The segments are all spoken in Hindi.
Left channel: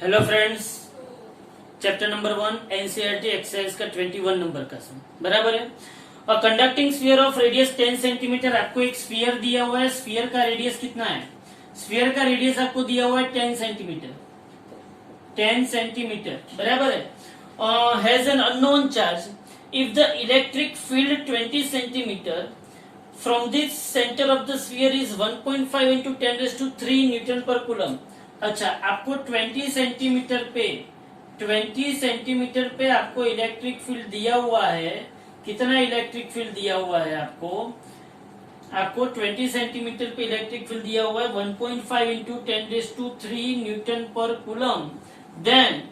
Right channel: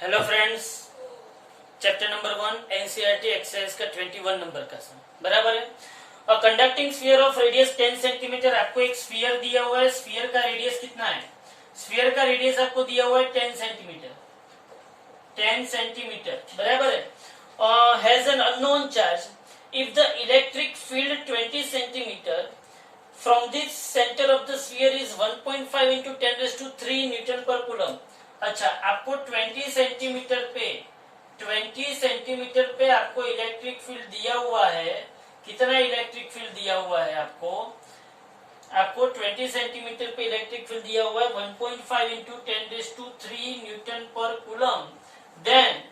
Hello friends, chapter number 1 NCERT exercise का 21 नंबर का सम बराबर है। और conducting sphere of radius 10 centimetre, आपको एक स्फीयर दिया हुआ है। स्फीयर का रेडियस कितना है? स्फीयर का रेडियस आपको दिया हुआ है 10 सेंटीमीटर, 10 सेंटीमीटर बराबर है। Has an unknown charge if the electric field 20 centimetre from this centre of the sphere is 1.5 into 10⁻³ Newton पर कूलम। अच्छा, आपको 20 सेंटीमीटर पे आपको इलेक्ट्रिक फील्ड दिया हुआ है। कितना इलेक्ट्रिक फील्ड दिया हुआ है आपको? आपको 20 सेंटीमीटर पे इलेक्ट्रिक फील्ड दिया हुआ है 1.5 इंटू 10⁻³ न्यूटन पर कूलम। देन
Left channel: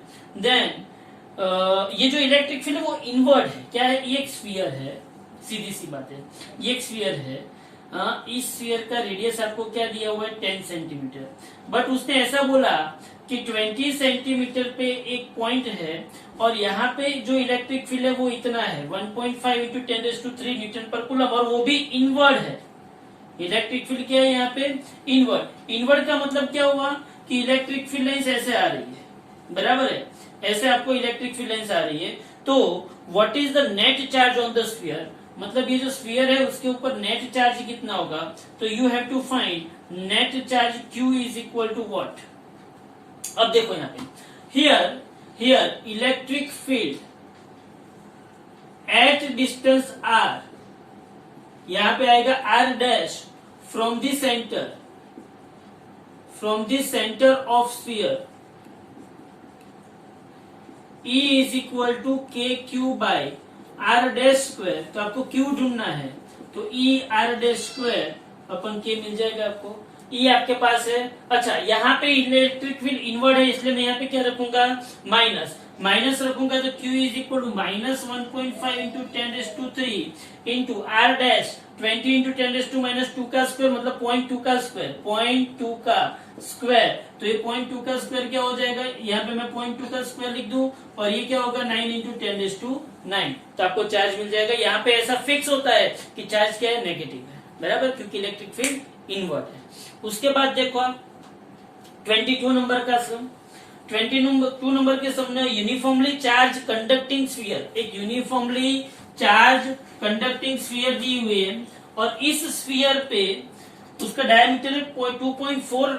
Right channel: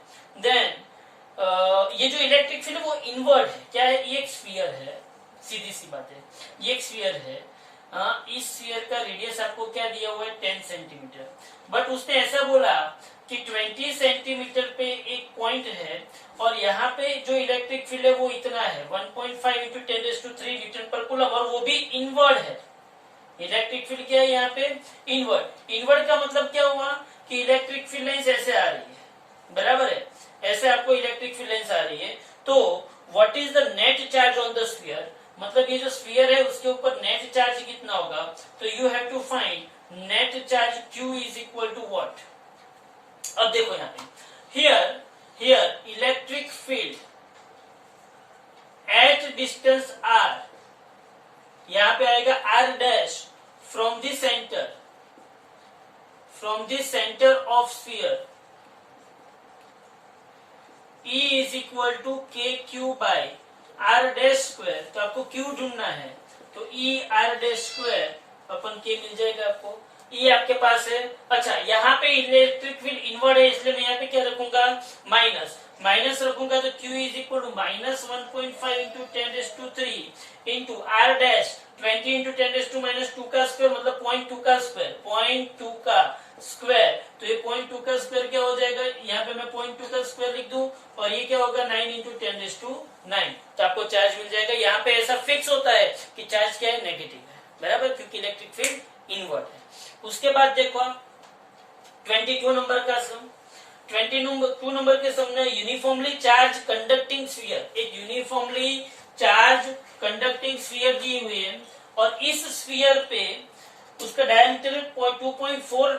ये जो इलेक्ट्रिक फील्ड वो इनवर्ड है। क्या है? ये एक स्फीयर है, सीधी सी बात है, ये एक स्फीयर है। इस स्फीयर का रेडियस आपको क्या दिया हुआ है? 10 सेंटीमीटर। बट उसने ऐसा बोला कि 20 सेंटीमीटर पे एक पॉइंट है और यहाँ पे जो इलेक्ट्रिक फील्ड है वो इतना है 1.5 इंटू 10⁻³ न्यूटन पर कूलम, और वो भी इनवर्ड है। इलेक्ट्रिक फील्ड क्या है यहाँ पे? इनवर्ड। इनवर्ड का मतलब क्या हुआ कि इलेक्ट्रिक फील्ड लाइन्स ऐसे आ रही है, बराबर है, ऐसे आपको इलेक्ट्रिक फील्ड लाइन्स आ रही है। तो what is the net charge on the sphere? मतलब ये जो स्फीयर है उसके ऊपर नेट चार्ज कितना होगा? तो you have to find net charge Q is equal to what. अब देखो यहाँ पे, here electric field at distance r, यहां पे आएगा r dash from the centre of sphere E is equal to KQ by r dash square. तो आपको Q ढूंढना है, तो E R dash square upon K मिल जाएगा आपको। E आपके पास है। अच्छा, यहाँ पे इलेक्ट्रिक फील्ड इनवर्ड है, इसलिए मैं यहाँ पे क्या रखूंगा? माइनस रखूंगा। तो Q इज इक्वल टू -1.5 into 10⁻³ into r dash 20 into 10⁻² का स्क्वायर, मतलब 0.2 का स्क्वायर, 0.2 का स्क्वायर। तो ये 0.2 का स्क्वायर क्या हो जाएगा? यहाँ पे मैं 0.2 का स्क्वायर लिख दूं, और ये क्या होगा? 9 इंटू 10⁻⁹। तो आपको चार्ज मिल जाएगा। यहाँ पे ऐसा फिक्स होता है कि चार्ज क्या है? नेगेटिव है, बराबर, क्योंकि इलेक्ट्रिक फील्ड इनवर्ट है। उसके बाद देखो आप 22 नंबर का सम। 22 नंबर के सम में यूनिफॉर्मली चार्ज कंडक्टिंग स्फीयर, एक यूनिफॉर्मली चार्ज कंडक्टिंग स्फीयर दी हुई है, और इस स्फीयर पे उसका डायमीटर 2.4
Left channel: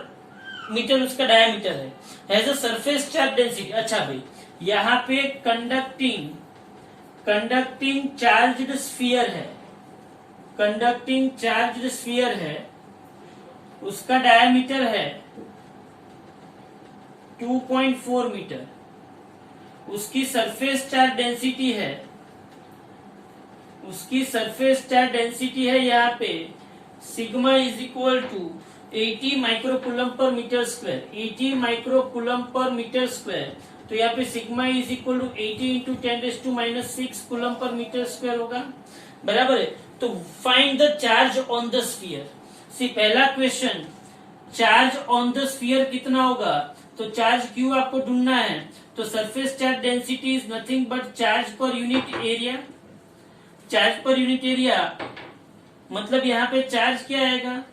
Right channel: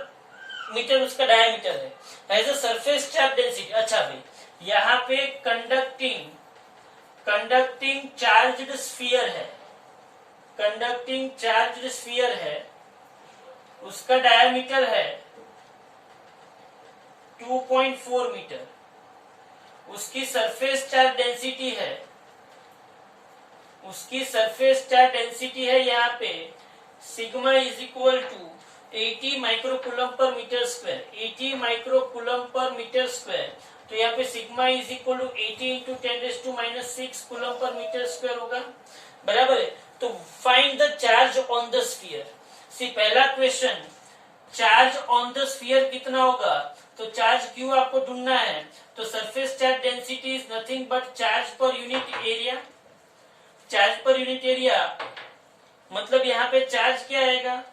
मीटर उसका डायमीटर है। Has a surface charge density. अच्छा भाई, यहाँ पे कंडक्टिंग चार्ज्ड स्फीयर है, कंडक्टिंग चार्ज्ड स्फीयर है, उसका डायमीटर है 2.4 मीटर, उसकी सरफेस चार्ज डेंसिटी है, यहाँ पे sigma is equal to 80 microcoulomb per metre square, 80 microcoulomb per metre square. तो यहाँ पे sigma is equal to 80 into 10⁻⁻6 coulomb पर मीटर स्क्वायर होगा, बराबर है। तो find the charge on the sphere. See, पहला question, charge on the sphere कितना होगा? तो चार्ज Q आपको ढूंढना है। तो surface charge density is nothing but charge per unit area. Charge per unit area मतलब यहाँ पे चार्ज क्या आएगा?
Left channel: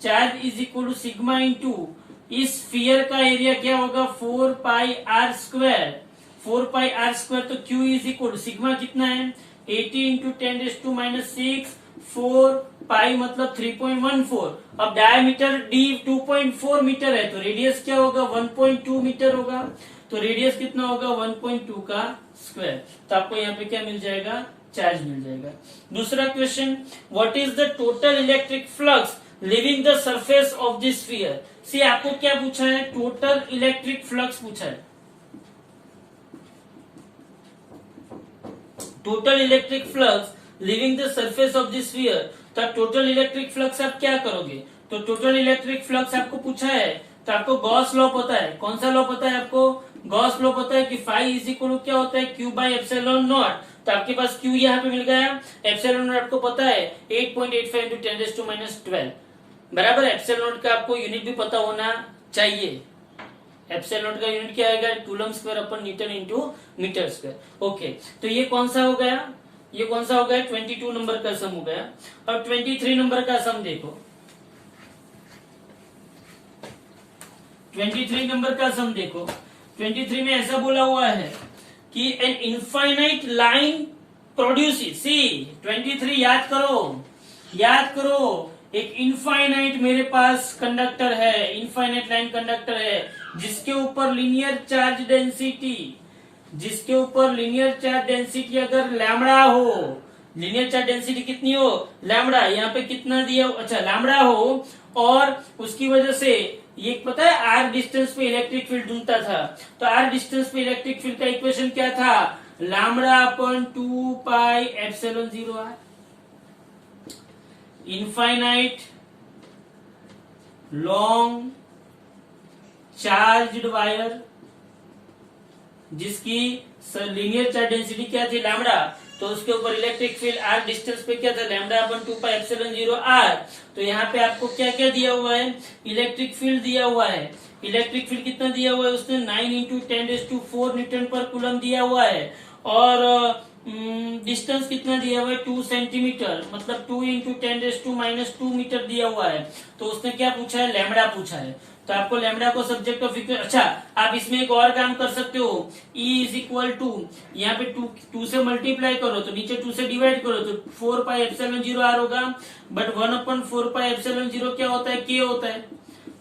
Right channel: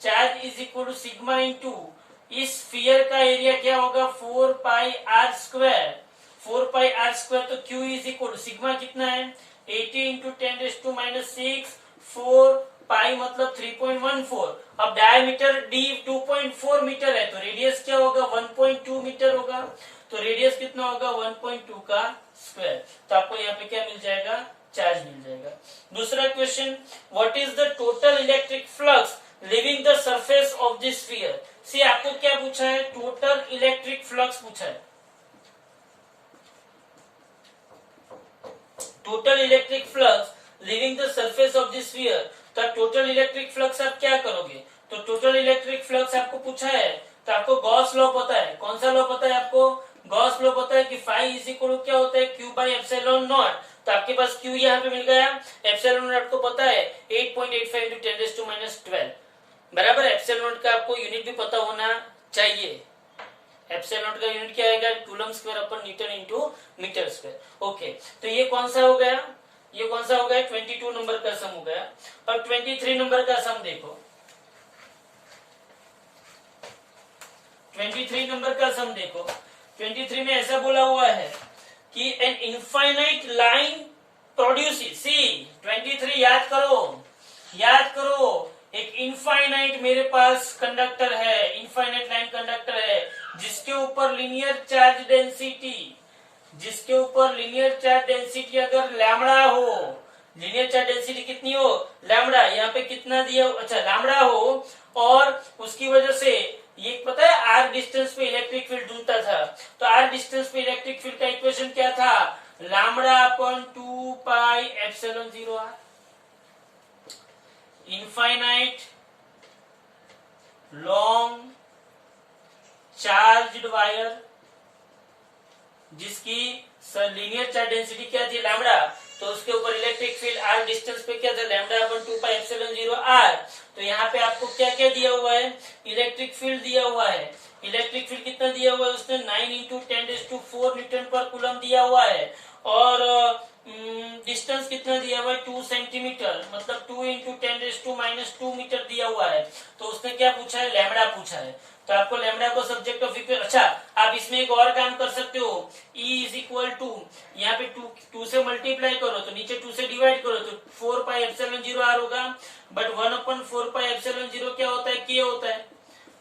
Charge is equal to sigma into इस स्फीयर का एरिया क्या होगा? 4πr²। 4πr²। तो Q is equal to sigma कितना है? 80 इंटू 10⁻⁻6, 4π मतलब 3.14। अब डायमीटर D 2.4 मीटर है, तो रेडियस क्या होगा? 1.2 मीटर होगा। तो रेडियस कितना होगा? 1.2 का स्क्वायर। तो आपको यहाँ पे क्या मिल जाएगा? चार्ज मिल जाएगा। दूसरा question, what is the total electric flux living the surface of this sphere. See, आपको क्या पूछा है? टोटल इलेक्ट्रिक फ्लक्स पूछा है। Total electric flux living the surface of this sphere. तो टोटल इलेक्ट्रिक फ्लक्स आप क्या करोगे? तो टोटल इलेक्ट्रिक फ्लक्स आपको पूछा है, तो आपको गॉस लॉ पता है। कौन सा लॉ पता है आपको? गॉस लॉ पता है कि फाई इज इक्वल टू क्या होता है? Q by epsilon not. तो आपके पास Q यहाँ पे मिल गया, एप्सिलॉन नॉट आपको पता है 8.85 इंटू 10⁻12, बराबर। एप्सिलॉन नॉट का आपको यूनिट भी पता होना चाहिए। एप्सिलॉन नॉट का यूनिट क्या आएगा? Coulomb square upon newton into metre square. Okay, तो ये कौन सा हो गया? ये कौन सा हो गया? 22 नंबर का सम हो गया। और 23 नंबर का सम देखो। 23 नंबर का सम देखो। 23 में ऐसा बोला हुआ है कि एन इनफाइनाइट लाइन प्रोड्यूसेस, सी 23 याद करो, एक इनफाइनाइट मेरे पास कंडक्टर है, इनफाइनाइट लाइन कंडक्टर है जिसके ऊपर लीनियर चार्ज डेंसिटी अगर लैम्बडा हो, लीनियर चार्ज डेंसिटी कितनी हो, लैम्बडा, यहाँ पे कितना दिया, अच्छा लैम्बडा हो, और उसकी वजह से ये पता है आर डिस्टेंस पे इलेक्ट्रिक फील्ड ढूंढता था, तो आर डिस्टेंस पे इलेक्ट्रिक फील्ड का इक्वेशन क्या था, lambda upon 2 pi epsilon 0 r. Infinite long charged wire जिसकी लीनियर चार्ज डेंसिटी क्या थी, लैम्बडा, तो उसके ऊपर इलेक्ट्रिक फील्ड आर डिस्टेंस पे क्या था, lambda upon 2 pi epsilon 0 r. तो यहाँ पे आपको क्या क्या दिया हुआ है, इलेक्ट्रिक फील्ड दिया हुआ है। इलेक्ट्रिक फील्ड कितना दिया हुआ है उसने, 9 इंटू 10⁴ न्यूटन पर कूलम दिया हुआ है, और डिस्टेंस कितना दिया हुआ है, 2 सेंटीमीटर, मतलब 2 इंटू 10⁻² मीटर दिया हुआ है। तो उसने क्या पूछा है, लैम्बडा पूछा है, तो आपको लैम्बडा को सब्जेक्ट ऑफ इक्वेशन, अच्छा आप इसमें एक और काम कर सकते हो, E इज इक्वल टू, यहाँ पे 2 से मल्टीप्लाई करो तो नीचे 2 से डिवाइड करो तो 4 पाई एप्सिलॉन 0 आर होगा, बट 1/4 पाई एप्सिलॉन 0 क्या होता है, के होता है,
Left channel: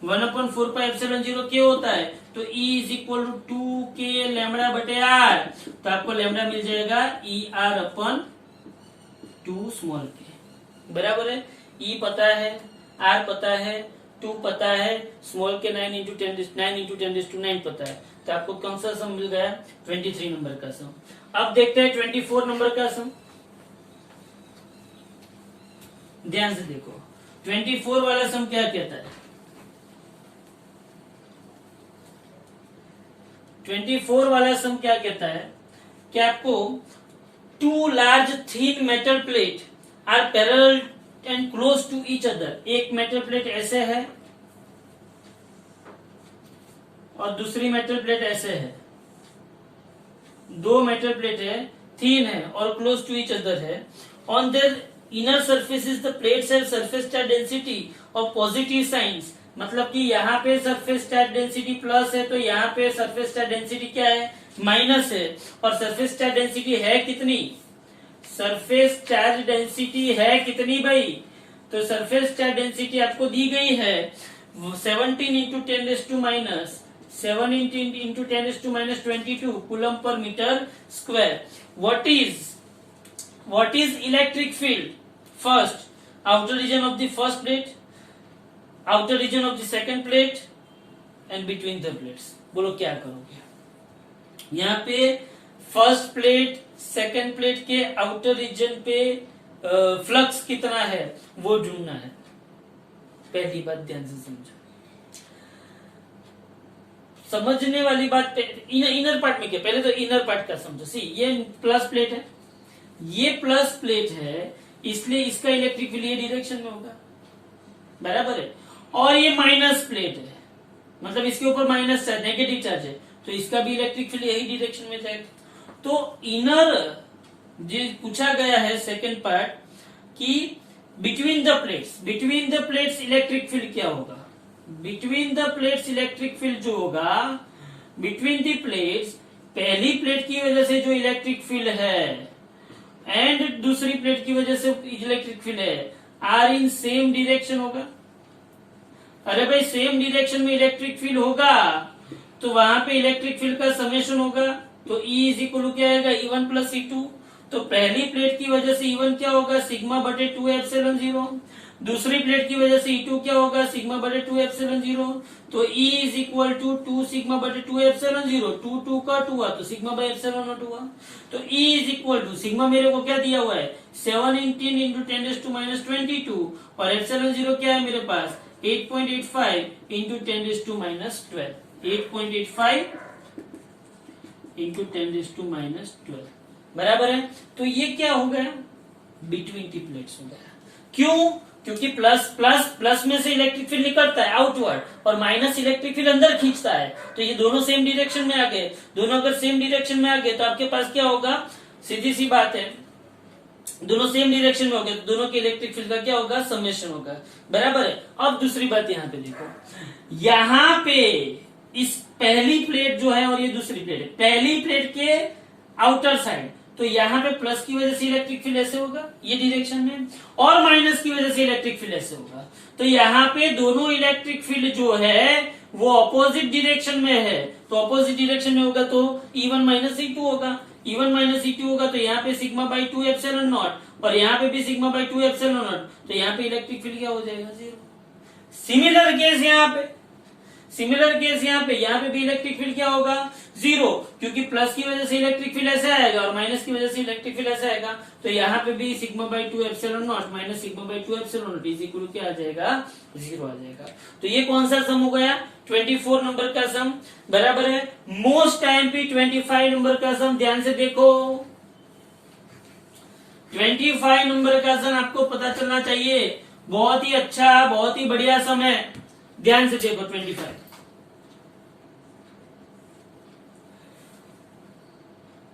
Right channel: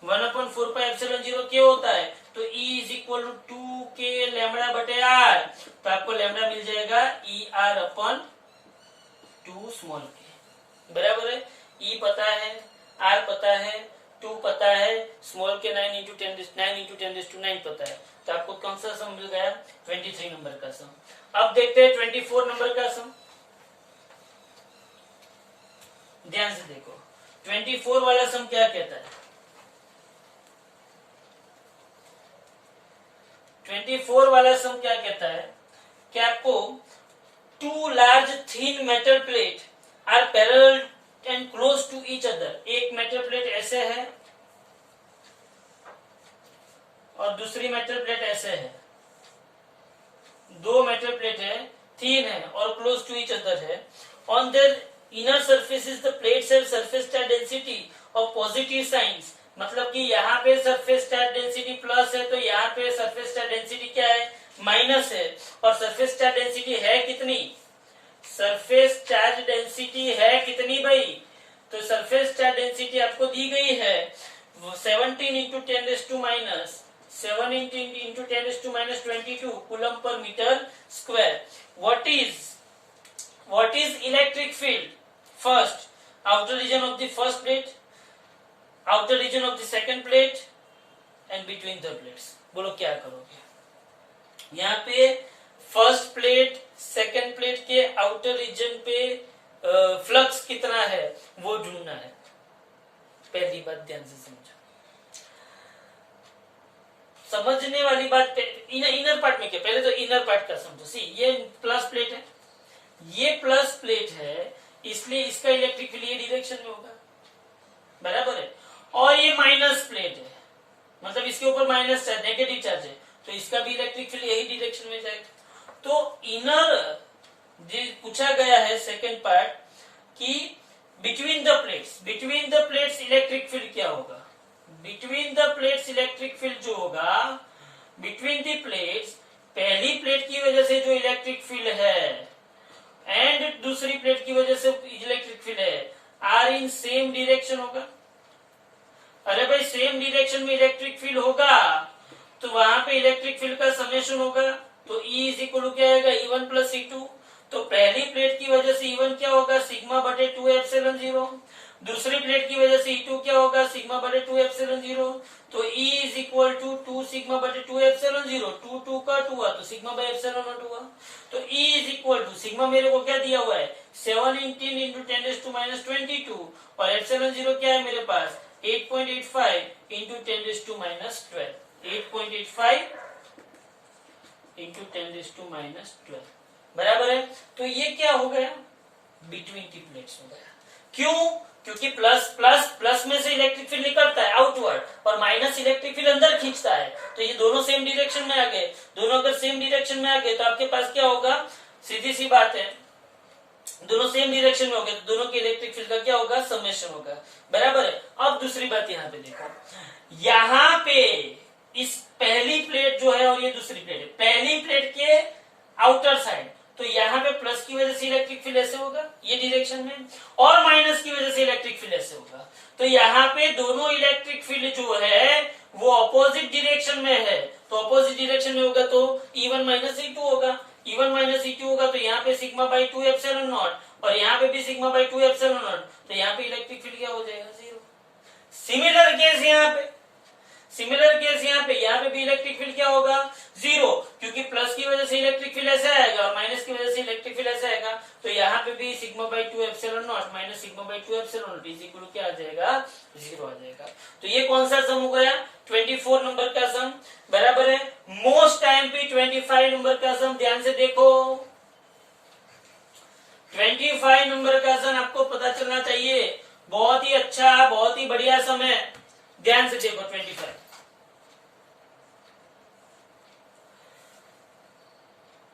1/4 पाई एप्सिलॉन 0 के होता है, तो E इज इक्वल टू 2 के लैम्बडा बटे आर, तो आपको लैम्बडा मिल जाएगा ER/2 स्मॉल के, बराबर है। E पता है, R पता है, 2 पता है, स्मॉल के 9 इंटू 10⁹ पता है, तो आपको कौन सा सम मिल गया, 23 नंबर का सम। अब देखते हैं 24 नंबर का सम, ध्यान से देखो 24 वाला सम क्या कहता है। 24 वाला सम क्या कहता है कि आपको 2 large thin metal plate are parallel and close to each other, एक मेटल प्लेट ऐसे है और दूसरी मेटल प्लेट ऐसे है, 2 मेटल प्लेट है, थिन है और क्लोज टू ईच अदर है। On their inner surfaces the plates have surface charge density of positive science, मतलब कि यहाँ पे सरफेस चार्ज डेंसिटी प्लस है तो यहाँ पे सरफेस चार्ज डेंसिटी क्या है, माइनस है, और सरफेस चार्ज डेंसिटी है कितनी, सरफेस चार्ज डेंसिटी है कितनी भाई, तो सरफेस चार्ज डेंसिटी आपको दी गई है 17 इंटू 10⁻⁷ इंटू 10⁻22 कूलम पर metre square. What is electric field, first outer region of the first plate, outer region of the second plate and between the plates, बोलो क्या करोगे। यहाँ पे फर्स्ट प्लेट सेकंड प्लेट के आउटर रीजन पे फ्लक्स कितना है वो ढूंढना है, पहली बात ध्यान से समझो, समझने वाली बात इनर पार्ट में क्या, पहले तो इनर पार्ट का समझो। सी ये प्लस प्लेट है, ये प्लस प्लेट है, इसलिए इसका इलेक्ट्रिक फील्ड ये डायरेक्शन में होगा, बराबर है, और ये माइनस प्लेट है, मतलब इसके ऊपर माइनस चार्ज, नेगेटिव चार्ज है, तो इसका भी इलेक्ट्रिक फील्ड यही डायरेक्शन में जाएगा। तो इनर जो पूछा गया है सेकेंड पार्ट कि between the plates electric field क्या होगा, between the plates electric field जो होगा, बिटवीन द प्लेट्स पहली प्लेट की वजह से जो इलेक्ट्रिक फील्ड है एंड दूसरी प्लेट की वजह से इलेक्ट्रिक फील्ड है, आर इन सेम डायरेक्शन होगा। अरे भाई सेम डायरेक्शन में इलेक्ट्रिक फील्ड होगा तो वहां पे इलेक्ट्रिक फील्ड का समेशन होगा, तो E इज इक्वल टू क्या आएगा, E1 प्लस E2, तो पहली प्लेट की वजह से E1 क्या होगा, सिग्मा बटे 2 एप्सिलॉन 0, दूसरी प्लेट की वजह से E2 क्या होगा, सिग्मा बटे 2 एप्सिलॉन 0, तो E is equal to 2 sigma बटे 2 एप्सिलॉन 0, 2 का 2 हुआ तो सिग्मा बाय एप्सिलॉन नॉट हुआ, तो E is equal to sigma मेरे को क्या दिया हुआ है 17 इंटू 10⁻22 और एप्सिलॉन 0 क्या है मेरे पास 8.85 इंटू 10⁻12, 8.85 इंटू 10⁻12, बराबर है। तो ये क्या हो गया, बिटवीन दी प्लेट्स हो गया, क्यों, क्योंकि प्लस में से इलेक्ट्रिक फील्ड निकलता है आउटवर्ड और माइनस इलेक्ट्रिक फील्ड अंदर खींचता है, तो ये दोनों सेम डायरेक्शन में आ गए, दोनों अगर सेम डायरेक्शन में आ गए तो आपके पास क्या होगा, सीधी सी बात है, दोनों सेम डायरेक्शन में हो गए तो दोनों के इलेक्ट्रिक फील्ड का क्या होगा, समेशन होगा, बराबर है। अब दूसरी बात यहाँ पे देखो, यहाँ पे इस पहली प्लेट जो है और ये दूसरी प्लेट है, पहली प्लेट के आउटर साइड, तो यहाँ पे प्लस की वजह से इलेक्ट्रिक फील्ड ऐसे होगा ये डायरेक्शन में, और माइनस की वजह से इलेक्ट्रिक फील्ड ऐसे होगा। तो यहाँ पे दोनों इलेक्ट्रिक फील्ड जो है वो अपोजिट डायरेक्शन में है, तो अपोजिट डायरेक्शन में होगा तो E1 माइनस E2 होगा, E1 माइनस E2 होगा, तो यहाँ पे सिग्मा बाई 2 एप्सिलॉन नॉट, और यहाँ पे भी सिग्मा बाई 2 एप्सिलॉन नॉट, तो यहाँ पे इलेक्ट्रिक फील्ड क्या हो जाएगा, 0। सिमिलर केस यहाँ पे, सिमिलर केस यहाँ पे भी इलेक्ट्रिक फील्ड क्या होगा, 0, क्योंकि प्लस की वजह से इलेक्ट्रिक फील्ड ऐसे आएगा और माइनस की वजह से इलेक्ट्रिक फील्ड ऐसे आएगा, तो यहाँ पे भी sigma by 2 epsilon naught minus sigma by 2 epsilon naught is equal to क्या आ जाएगा, 0 आ जाएगा। तो ये कौन सा सम हो गया, 24 नंबर का सम, बराबर है। मोस्ट आईएमपी 25 नंबर का सम, ध्यान से देखो, 25 नंबर का सम आपको पता चलना चाहिए, बहुत ही अच्छा, बहुत ही बढ़िया सम है, ध्यान से देखो 25।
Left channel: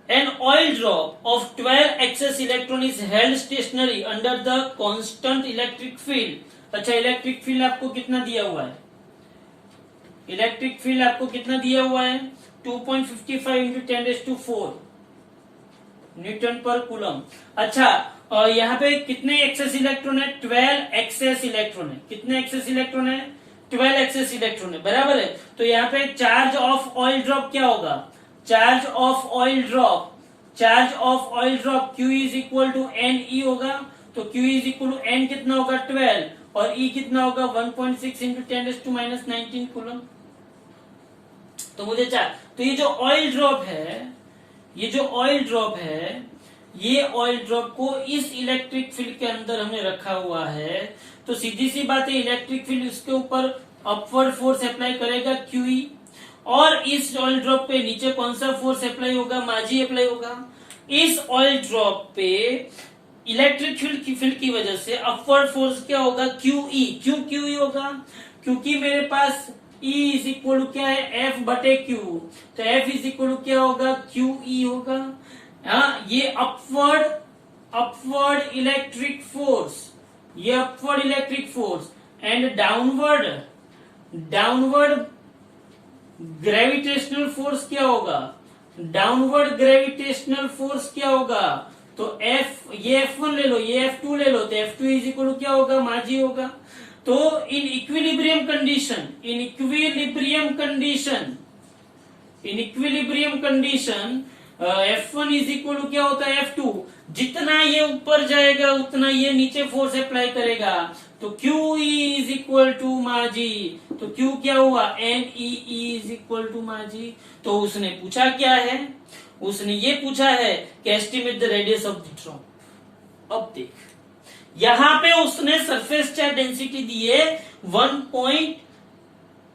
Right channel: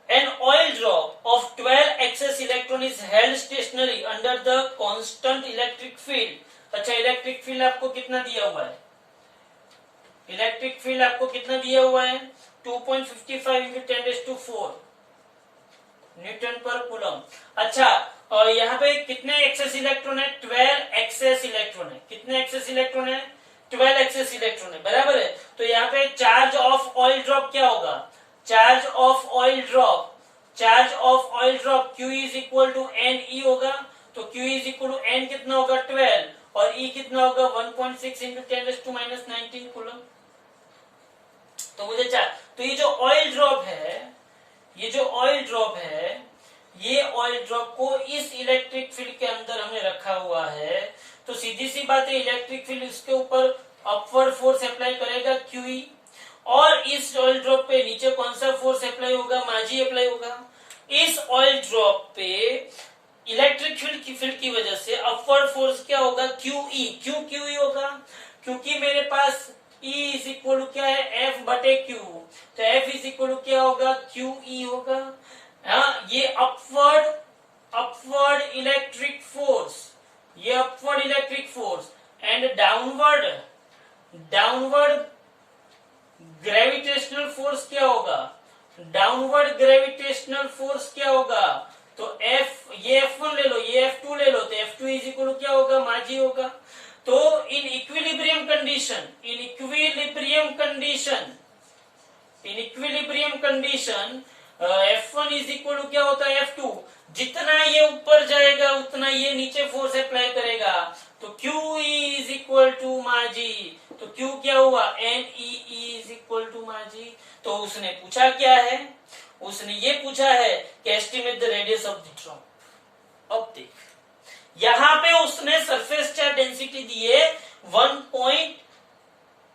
An oil drop of 12 excess electron is held stationary under the constant electric field. अच्छा, इलेक्ट्रिक फील्ड आपको कितना दिया हुआ है, इलेक्ट्रिक फील्ड आपको कितना दिया हुआ है, 2.55 इंटू 10⁴ न्यूटन पर कूलम। अच्छा, और यहाँ पे कितने एक्सेस इलेक्ट्रॉन है, 12 एक्सेस इलेक्ट्रॉन है, कितने एक्सेस इलेक्ट्रॉन है, 12 एक्सेस इलेक्ट्रॉन है, बराबर है। तो यहाँ पे चार्ज ऑफ ऑयल ड्रॉप क्या होगा, charge of oil drop, charge of oil drop Q is equal to n e होगा, तो Q is equal to n कितना होगा 12, और E कितना होगा 1.6 इंटू 10⁻19 कूलम। तो मुझे तो ये जो ऑयल ड्रॉप है, ये जो ऑयल ड्रॉप है, ये ऑयल ड्रॉप को इस इलेक्ट्रिक फील्ड के अंदर हमें रखा हुआ है, तो सीधी सी बात है इलेक्ट्रिक फील्ड उसके ऊपर अपवर्ड फोर्स अप्लाई करेगा QE, और इस ऑयल ड्रॉप पे नीचे कौन सा फोर्स अप्लाई होगा, माजी अप्लाई होगा। इस ऑयल ड्रॉप पे इलेक्ट्रिक फील्ड की वजह से अपवर्ड फोर्स क्या होगा, QE। क्यों QE होगा, क्योंकि मेरे पास E इज इक्वल टू क्या है, F बटे Q, तो F इज इक्वल टू क्या होगा, QE होगा। हाँ, ये अपवर्ड इलेक्ट्रिक फोर्स, ये upward electric force, and downward gravitational force क्या होगा, डाउनवर्ड ग्रेविटेशनल फोर्स क्या होगा, तो F, ये F1 ले लो, ये F2 ले लो, तो F2 इज इक्वल टू क्या होगा, माजी होगा। तो in equilibrium condition F1 is equal to क्या होता है, F2, जितना ये ऊपर जाएगा उतना ये नीचे फोर्स अप्लाई करेगा, तो QE इज इक्वल टू माजी, तो Q क्या हुआ, NEE इज इक्वल टू माजी। तो उसने पूछा क्या है, उसने ये पूछा है कि estimate the radius of the drop. अब देख, यहां पे उसने सरफेस चार्ज डेंसिटी दिए 1.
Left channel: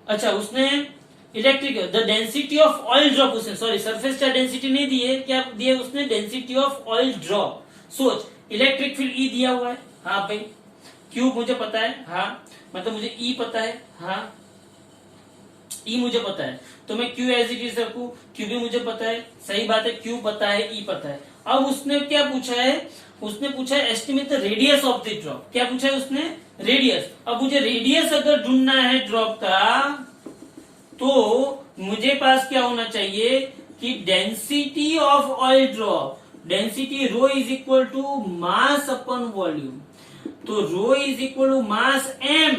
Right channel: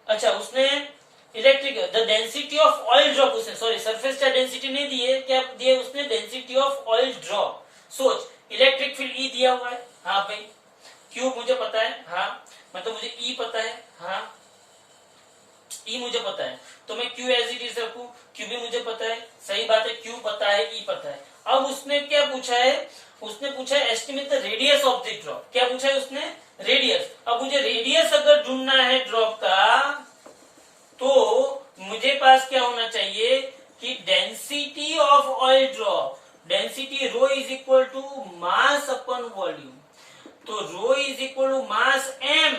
अच्छा, उसने electric the density of oil drop, उसने सॉरी सरफेस चार्ज डेंसिटी नहीं दिए, क्या दिए उसने, डेंसिटी ऑफ ऑयल ड्रॉप। सोच, इलेक्ट्रिक फील्ड E दिया हुआ है, हाँ भाई, Q मुझे पता है, हाँ, मतलब मुझे E पता है, हाँ, E मुझे पता है, तो मैं Q एज इट इज रखू, Q भी मुझे पता है, सही बात है, Q पता है, E पता है। अब उसने क्या पूछा है, उसने पूछा है estimate the radius of the drop. क्या पूछा है उसने, रेडियस। अब मुझे रेडियस अगर ढूंढना है ड्रॉप का, तो मुझे पास क्या होना चाहिए कि density of oil drop, density rho is equal to mass upon volume, तो rho is equal to mass m,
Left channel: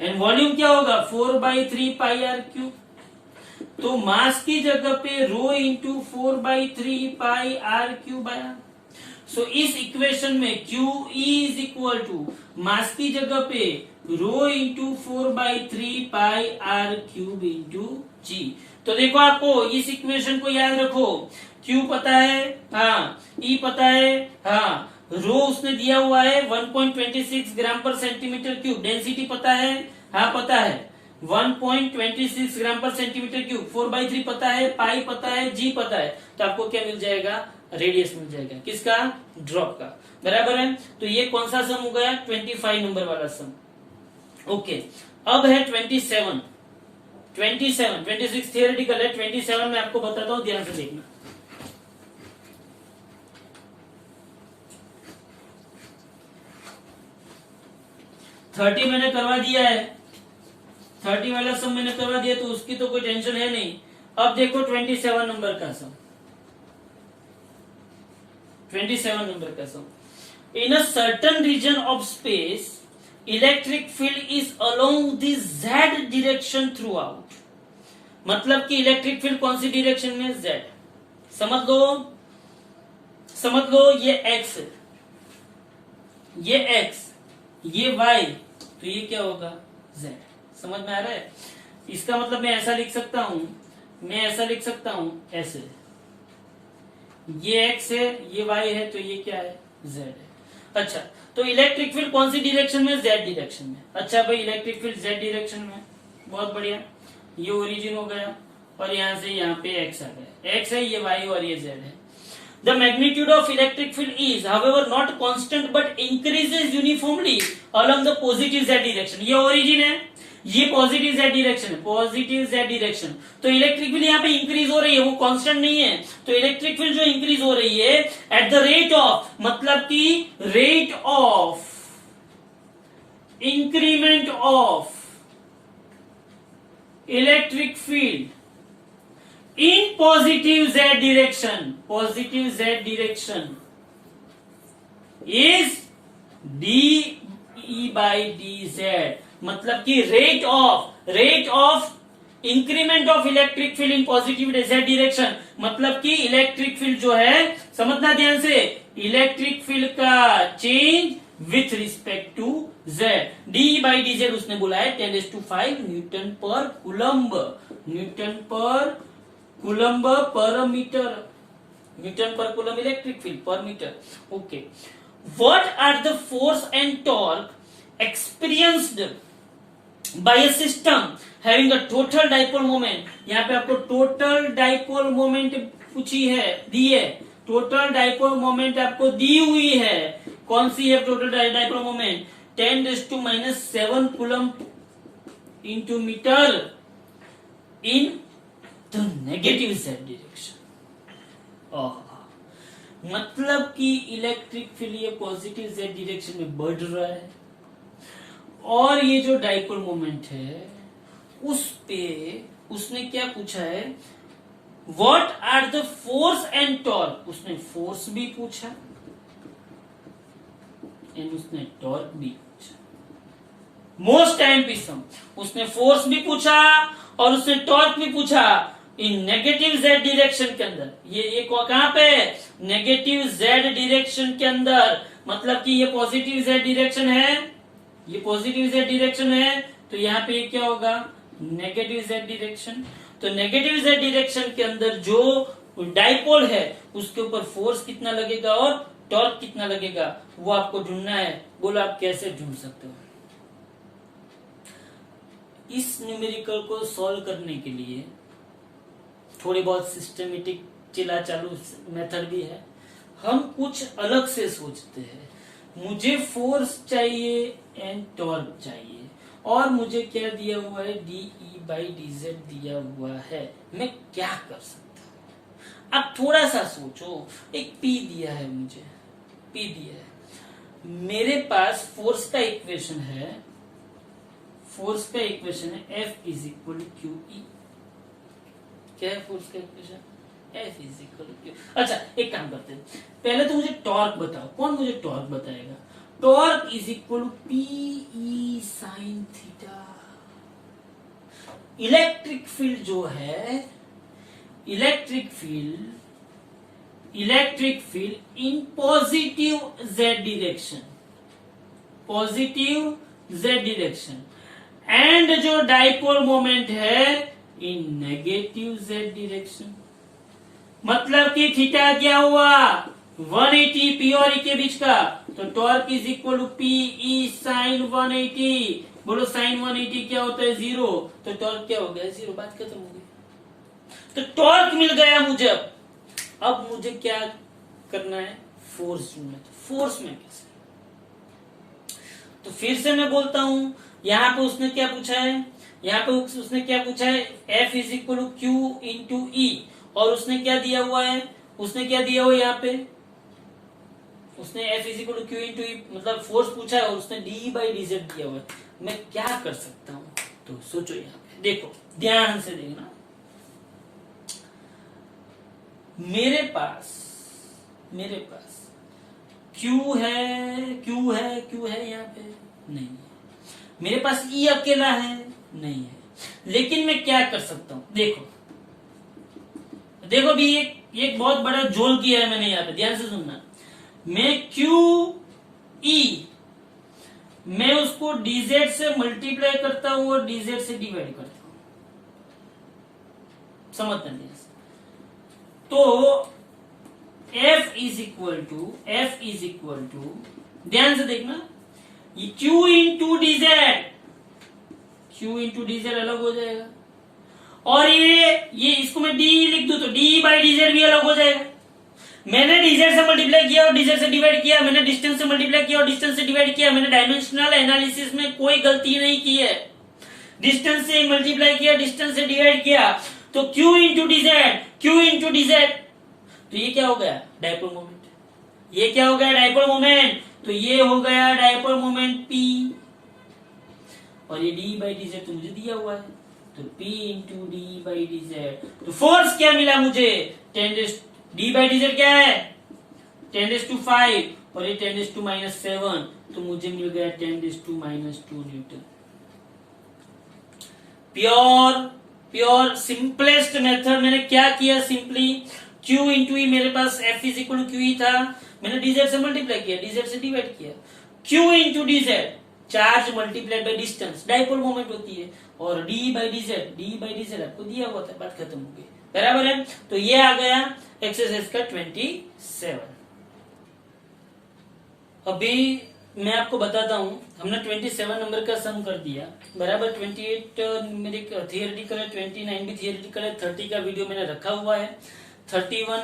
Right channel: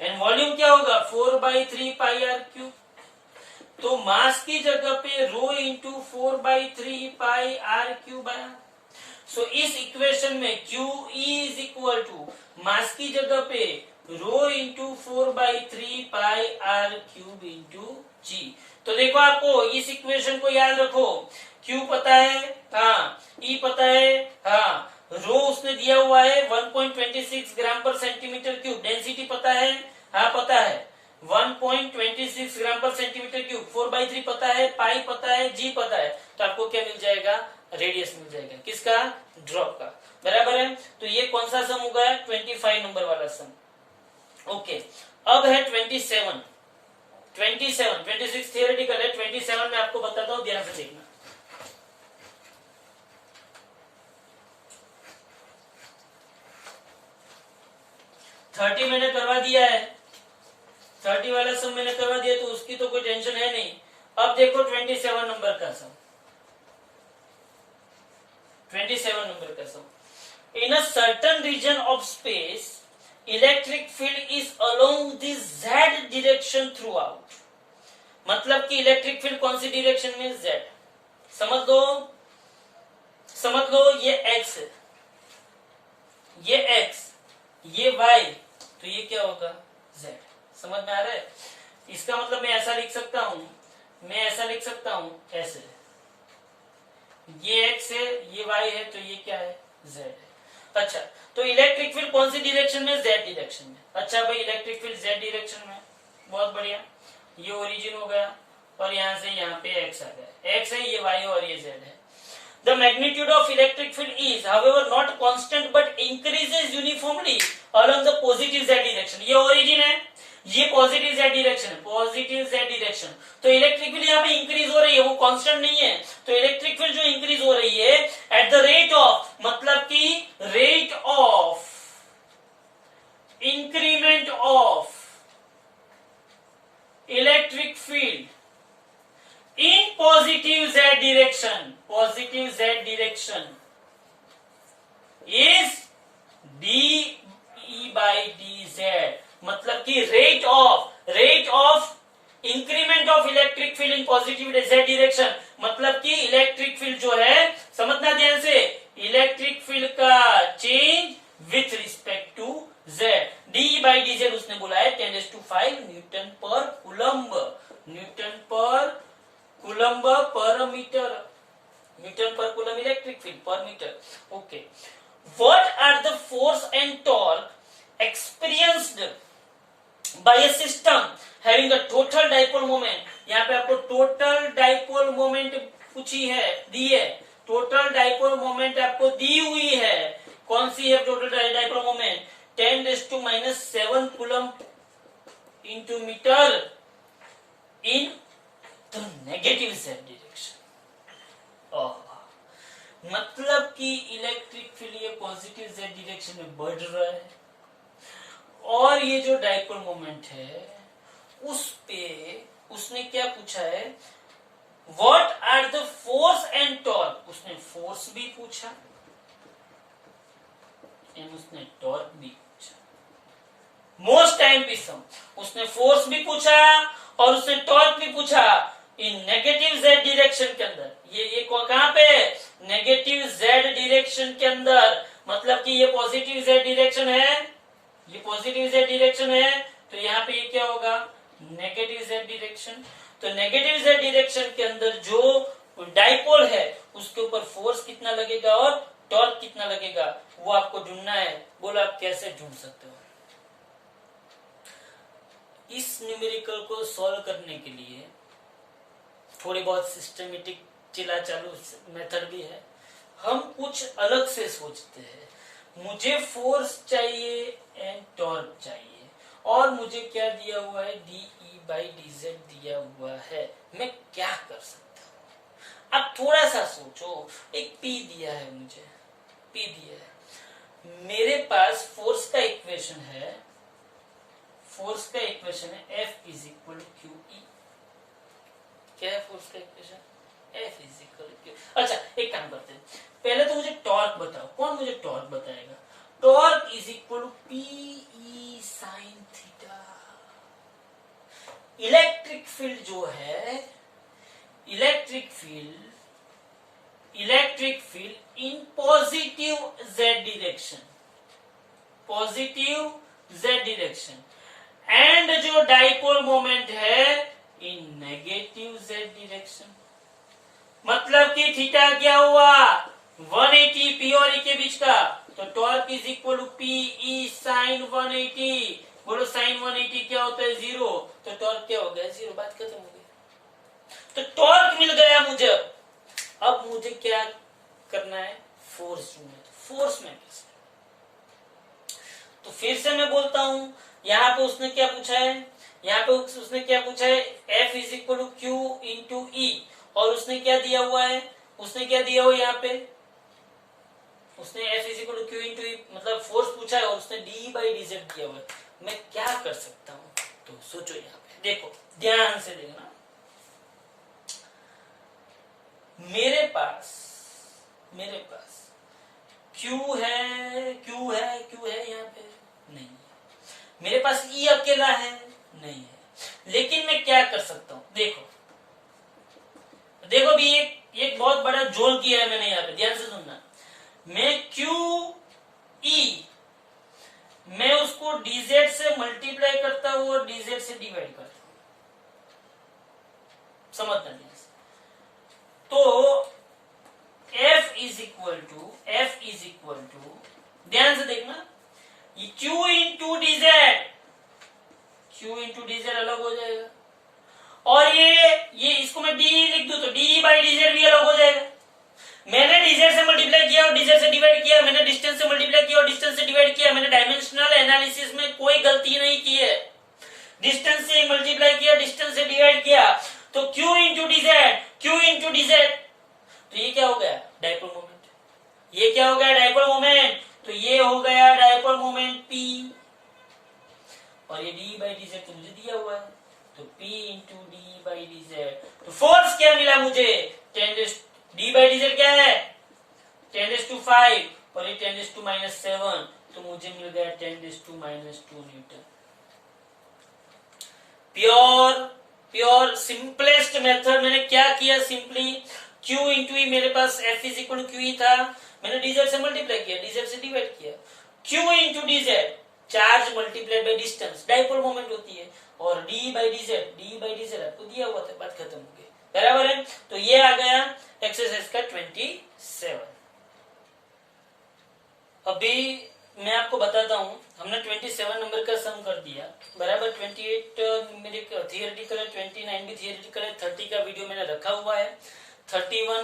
and volume क्या होगा 4/3 पाई आर क्यूब। तो मास की जगह पे rho into 4/3 pi r cube आया। सो इस इक्वेशन में QE is equal to mass की जगह पे rho into 4/3 pi r cube into g. तो देखो, आपको इस इक्वेशन को याद रखो, Q पता है, हाँ, E पता है, हाँ, रो उसने दिया हुआ है 1.26 ग्राम पर सेंटीमीटर क्यूब, डेंसिटी पता है, हाँ पता है 1.26 ग्राम पर सेंटीमीटर क्यूब, 4/3 पता है, पाई पता है, जी पता है, तो आपको क्या मिल जाएगा, रेडियस मिल जाएगा, किसका, ड्रॉप का, बराबर है। तो ये कौन सा सम होगा, 25 नंबर वाला सम। ओके, अब है 27, 26 थियोरेटिकल है, 27 में आपको बताता हूं, ध्यान से देखना। थर्टी मैंने करवा दिया है, 30 वाला सम मैंने करवा दिया तो उसकी तो कोई टेंशन है नहीं। अब देखो 27 नंबर का सम, 27 नंबर का sum. In a certain region of space electric field is along the z direction throughout. मतलब कि इलेक्ट्रिक फील्ड कौन सी डायरेक्शन में? जेड। समझ लो ये एक्स है, ये एक्स, ये वाई, तो ये क्या होगा? जेड। समझ में आ रहा है? इसका मतलब मैं ऐसा लिख सकता हूं, ऐसे, ये एक्स है, ये वाई है, तो ये क्या है? जेड है। अच्छा, तो इलेक्ट्रिक फील्ड कौन सी डायरेक्शन में? जेड डायरेक्शन में। अच्छा भाई, इलेक्ट्रिक फील्ड जेड डायरेक्शन में, बहुत बढ़िया। ये ओरिजिन हो गया और यहां से यहां पे एक्स आ गया। एक्स है, ये वाई और ये जेड है। The magnitude of electric field is, however, not constant but increases uniformly along the positive z direction. ये origin है, ये पॉजिटिव z डायरेक्शन है, पॉजिटिव z डायरेक्शन। तो इलेक्ट्रिक फील्ड यहाँ पे इंक्रीज हो रही है, वो कांस्टेंट नहीं है। तो इलेक्ट्रिक फील्ड जो इंक्रीज हो रही है एट द रेट ऑफ, मतलब कि rate of increment of electric field in positive z direction is dE by dz। मतलब कि rate of increment of electric field in positive z direction, मतलब कि इलेक्ट्रिक फील्ड जो है, समझना ध्यान से, इलेक्ट्रिक फील्ड का change with respect to z। dE by dz उसने बोला है 10⁵ न्यूटन पर कूलम्ब पर मीटर, न्यूटन पर कूलम इलेक्ट्रिक फील्ड पर metre. Okay, what are the force and torque experienced by a system having a total dipole moment. यहाँ पे आपको टोटल डाइपोल मोमेंट पूछी है, दी है, टोटल डाइपोल मोमेंट आपको दी हुई है। कौन सी है total dipole moment? 10⁻⁷ coulomb into meter into negative z direction. मतलब कि इलेक्ट्रिक फील्ड ये पॉजिटिव z डायरेक्शन में बढ़ रहा है और ये जो डाइपोल मोमेंट है उस पे उसने क्या पूछा है? What are the force and torque. उसने फोर्स भी पूछा एंड उसने टॉर्क भी पूछा। मोस्ट टाइम पे सम, उसने फोर्स भी पूछा और उसने टॉर्क भी पूछा इन नेगेटिव z डायरेक्शन के अंदर। ये कहां पे? नेगेटिव z डायरेक्शन के अंदर। मतलब कि ये पॉजिटिव z डायरेक्शन है, ये पॉजिटिव z डायरेक्शन है, तो यहाँ पे ये क्या होगा? Negative z direction. तो नेगेटिव z डायरेक्शन के अंदर जो डाइपोल है उसके ऊपर फोर्स कितना लगेगा और टॉर्क कितना लगेगा, वो आपको ढूंढना है। बोलो आप कैसे ढूंढ सकते हो? इस न्यूमेरिकल को सॉल्व करने के लिए थोड़ी बहुत सिस्टमेटिक चिला चालू मेथड भी है। हम कुछ अलग से सोचते हैं। मुझे फोर्स चाहिए एंड टॉर्क चाहिए और मुझे क्या दिया हुआ है? dE by dz दिया हुआ है। मैं क्या कर सकता हूं? अब थोड़ा सा सोचो। एक P दिया है, मुझे P दिया है, मेरे पास फोर्स का इक्वेशन है, F is equal to QE। क्या है फोर्स का equation? F is equal to. अच्छा, एक काम करते हैं, पहले तो मुझे टॉर्क बताओ। कौन मुझे टॉर्क बताएगा? Torque is equal to PE sine theta. Electric field जो है, electric field in positive z direction, and जो डाइपोल मोमेंट है इन नेगेटिव z डायरेक्शन। मतलब कि थीटा क्या हुआ? 180 P और E के बीच का। तो torque is equal to PE sine 180। बोलो साइन 180 क्या होता है? 0। तो टॉर्क क्या हो गया? 0। बात खत्म हो गई। तो टॉर्क मिल गया मुझे। अब मुझे क्या करना है? फोर्स ढूंढना है। फोर्स में कैसे? तो फिर से मैं बोलता हूं, यहां पे उसने क्या पूछा है? F is equal to Q into E और उसने क्या दिया हुआ है? यहाँ पे उसने F is equal to Q into E मतलब फोर्स पूछा है और उसने dE by dz दिया हुआ है। मैं क्या कर सकता हूं? तो सोचो यहाँ पे, देखो ध्यान से देखना, मेरे पास Q है यहाँ पे नहीं है, मेरे पास E अकेला है नहीं है, लेकिन मैं क्या कर सकता हूं, देखो भी एक बहुत बड़ा जोल किया है मैंने यहाँ पे, ध्यान से सुनना। मैं QE मैं उसको dz से मल्टीप्लाई करता हूं और dz से डिवाइड करता हूं, समझना ध्यान से। तो F इज इक्वल टू ध्यान से देखना, ये Q इंटू dz अलग हो जाएगा, और ये इसको मैं D लिख दूं तो D बाई dz भी अलग हो जाएगा। मैंने dz से मल्टीप्लाई किया और dz से डिवाइड किया, मैंने डिस्टेंस से मल्टीप्लाई किया और डिस्टेंस से डिवाइड किया, मैंने डायमेंशनल एनालिसिस में कोई गलती नहीं की है। डिस्टेंस से मल्टीप्लाई किया, डिस्टेंस से डिवाइड किया, तो Q इंटू dz, तो ये क्या हो गया, डायपोल मोमेंट। ये क्या हो गया, डायपोल मोमेंट। तो ये हो गया डायपोल मोमेंट P, और ये D बाई dz तो मुझे दिया हुआ है, तो P into D by dz। तो फोर्स क्या मिला मुझे, D बाई dz क्या है 10⁵, और ये 10⁻⁷, तो मुझे मिल गया 10⁻² न्यूटन। प्योर सिंपलेस्ट मेथड मैंने क्या किया, सिंपली Q इंटू ई, मेरे पास F is equal to QE था, मैंने dz से मल्टीप्लाई किया, dz से डिवाइड किया, Q into dz charge multiplied by distance, dipole moment होती है, और D बाई dz आपको दिया हुआ था, बात खत्म हो गई, बराबर है। तो ये आ गया एक्सरसाइज का 27। अभी मैं आपको बताता हूं, हमने 27 नंबर का सम कर दिया, बराबर। 28 मेरे थियरिटिकल है, 29 भी थियरिटिकल है, 30 का वीडियो मैंने रखा हुआ है, 31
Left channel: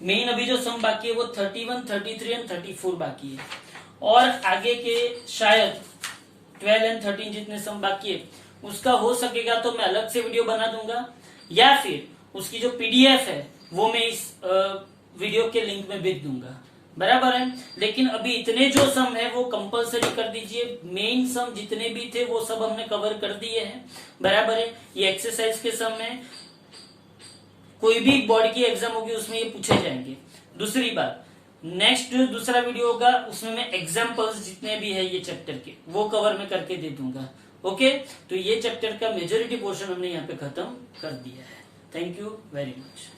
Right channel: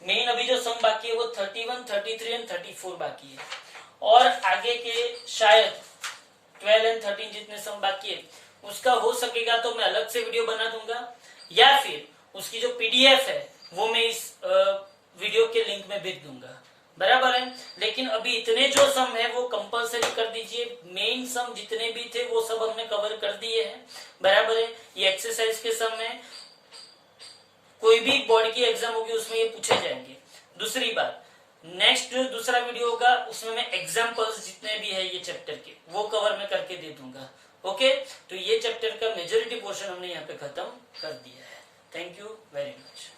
मेन अभी जो सम बाकी है वो 31, 33 एंड 34 बाकी है, और आगे के शायद 12 एंड 13 जितने सम बाकी है उसका हो सकेगा तो मैं अलग से वीडियो बना दूंगा, या फिर उसकी जो PDF है वो मैं इस वीडियो के लिंक में भेज दूंगा, बराबर है। लेकिन अभी इतने जो सम है वो कंपलसरी कर दीजिए, मेन सम जितने भी थे वो सब हमने कवर कर दिए हैं, बराबर है। ये एक्सरसाइज के सम है, कोई भी बॉडी की एग्जाम होगी उसमें ये पूछे जाएंगे। दूसरी बात, नेक्स्ट दूसरा वीडियो होगा उसमें मैं एग्जाम्पल्स जितने भी है ये चैप्टर के वो कवर में करके दे दूंगा, ओके। तो ये चैप्टर का मेजोरिटी पोर्शन हमने यहाँ पे खत्म कर दिया है। Thank you very much.